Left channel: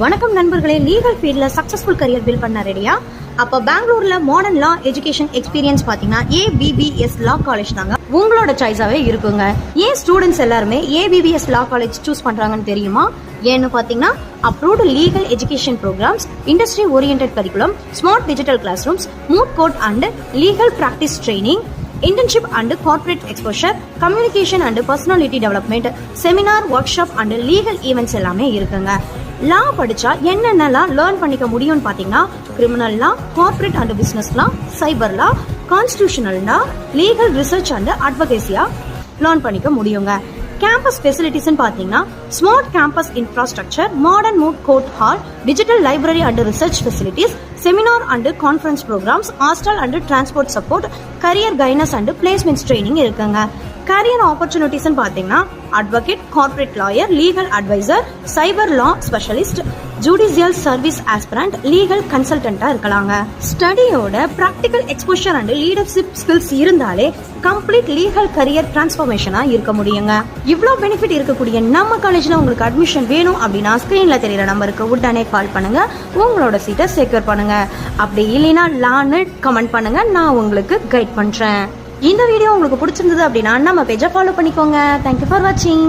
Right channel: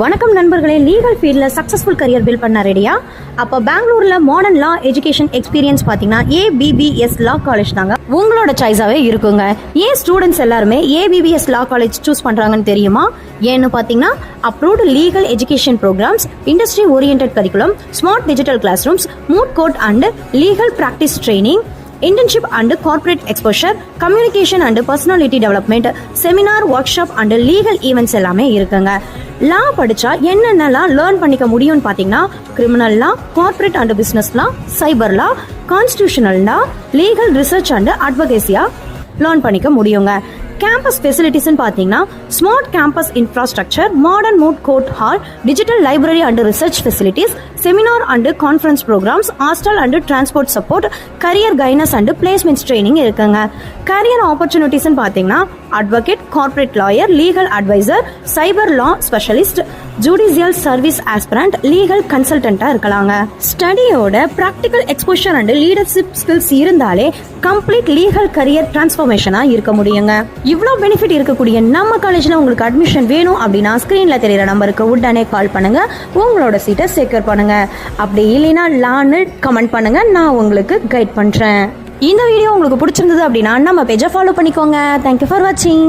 வணக்கம் நண்பர்களே, லீகல் ஃபீல்டில் சக்ஸஸ்ஃபுல் கரியர் பில்ட் பண்ண ரெடியா? அப்போ பெங்களூரில் மாடர்ன் லா எஜுகேஷன் எக்ஸ்பீரியன்ஸ் பார்த்தீங்கன்னா ABBS லா காலேஜ் தாங்க உங்களோட சாய்ஸாகவே இருக்குங்க. ஏன் ஸ்டூடெண்ட்ஸ் எல்லாருமே ABBS லா காலேஜ் சூஸ் பண்ணுறாங்கன்னு தெரியுமா? ஏன்னு பார்த்தீங்கன்னா approved legal education programmes, industry oriented curriculum, smart digital classrooms, moot court and legal practice training, internship and corporate exposure, communication and personality development, seminar, workshop and legal events எல்லாமே இருக்குங்க. லா படிச்சா என்னென்னலாம் learn பண்ணிக்க முடியும்னு பார்த்தீங்கன்னா criminal law, corporate and business law, cyber law, constitutional law, legal research and அட்வொகேசியா learn பண்ணிக்க முடியுங்க. கேம்பஸ் ஃபெசிலிட்டிஸ் பார்த்தீங்கன்னா smart campus infrastructure, modern moot court hall, digital library and research facilities, seminar and conference programmes, hostel and transport support, career guidance and placements training இருக்குங்க. Career opportunities பார்த்தீங்கன்னா advocate, corporate lawyer, legal adviser, cyber law specialist, judicial service aspirant, legal கன்சல்டன்டா இருக்கலாங்க. ஸ்டடியோட practical exposure and leadership skills இருந்தாலே complete legal career டிரான்ஸ்ஃபர்மேஷனா இருக்க முடியுங்க. இவ்வளோ benefit இருக்கக்கூடிய நம்ம காலேஜ்ல உங்களுக்கு அட்மிஷன் வேணும் அப்படின்னா ஸ்கிரீன்ல தெரியுற நம்பருக்கு உடனே கால் பண்ணுங்க, உங்களோட சீட்டை செக்யூர் பண்ணுங்க. அப்படி இல்லைன்னா லான்னு கமெண்ட் பண்ணுங்க, நான் உங்களுக்கு கைட் பண்றேன். இந்த வீடியோ உங்களுக்கு பிடிச்சிருந்தது அப்படின்னா நம்ம பேஜை ஃபாலோ பண்ணிக்கோங்க. தேங்க்யூ ஃபார் வாட்சிங்.